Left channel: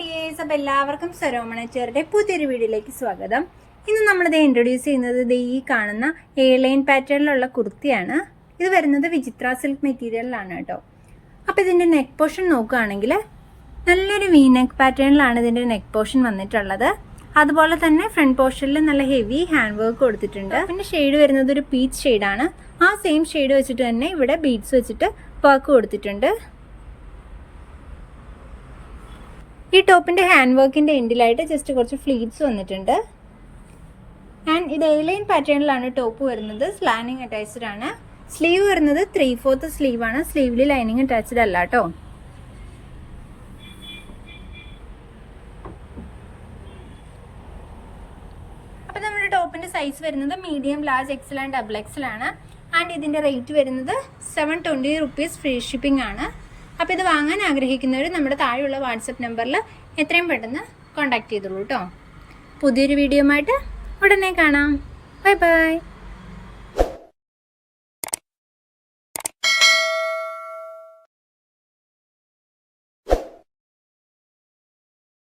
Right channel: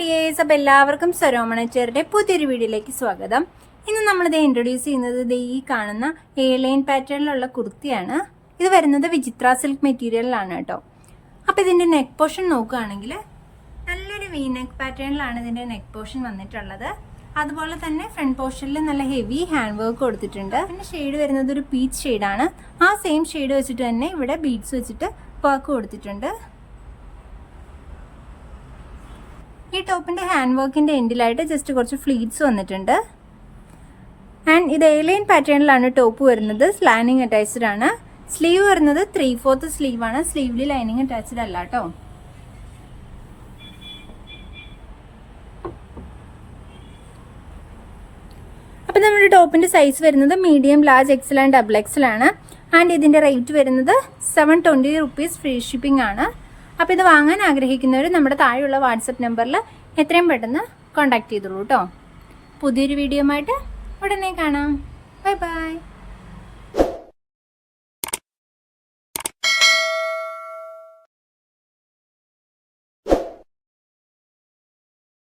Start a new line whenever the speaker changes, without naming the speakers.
Dears അപ്പോൾ എല്ലാവർക്കും സരോമണച്ചേരുടെ പുതിയൊരു വീഡിയോയിലേക്ക് സ്വാഗതം. ഇന്ന് നമ്മളിത് ഇൻട്രൊഡ്യൂസ് ചെയ്യുന്നത് ദേ ഈ കാണുന്ന എ ലൈൻ പാറ്റേണിലുള്ള കുർത്തിയാണ്. ഇത് വരുന്നത് വിചിത്ര സിൽക്ക് മെറ്റീരിയലിലാണ് കേട്ടോ. അപ്പോൾ ഇതിന്റെ നെക്ക് പോർഷൻ നോക്കുകയാണെങ്കിൽ നല്ലൊരു വി നെക്ക് പാറ്റേണിലാണ് ഇതിന്റെ നെക്ക് പോർഷൻ വന്നിട്ടുള്ളത്. അതുപോലെ തന്നെ ഫ്രണ്ട് പോർഷനിൽ നല്ല ഹെവി ഹാൻഡ് വർക്ക് കൊടുത്തിട്ടുണ്ട്. പിന്നെ ഷെയ്ഡ് വരുന്നത് ഒരു പീച്ച് ഷെയ്ഡാണ് ആ സെയിം ഷെയ്ഡ് വെച്ചിട്ട് തന്നെ ഇവിടെ ബീഡ്സ് വെച്ചിട്ട് വർക്ക് കൊടുത്തിട്ടുണ്ട്. ഈ ടോപ്പിന്റെ ഹാൻഡ് വർക്കിന്റെ എൻഡിലായിട്ട് ജസ്റ്റ് കുറച്ച് ഫ്ലീറ്റ്സ് വന്നിട്ടുണ്ട്. ആൻഡ് ഇത് എലൈൻ പാറ്റേണിലാണ് ടോപ്പ് വരുന്നത്. സ്ലാനിങ് അറ്റാച്ച്ഡ് ആണ്. സ്ലീവ് വരുന്നത് ത്രീ ഫോർത്ത് സ്ലീവ് ആണ്. സ്ലീവിൽ ലൈനിങ് അറ്റാച്ച്ഡ് അല്ല കേട്ടോ അപ്പം നമ്മുടെ ടോപ്പിന്റെ സൈസ് വരുന്നത് medium large XL and double XL ആണ്. ആൻഡ് ഇതിന്റെ റേറ്റ് വരുന്നത് seven twenty rupees free shipping ആണ്. അപ്പോൾ ഇത് വാങ്ങാൻ ആഗ്രഹിക്കുന്നവർ നമ്മുടെ താഴെയുള്ള വാട്സപ്പ് നമ്പറിൽ എത്രയും പെട്ടെന്ന് കോൺടാക്ട് ചെയ്തോളൂ കേട്ടോ പുതിയൊരു വീഡിയോ ആയിട്ട് ഉടനെ കാണാം. Bye bye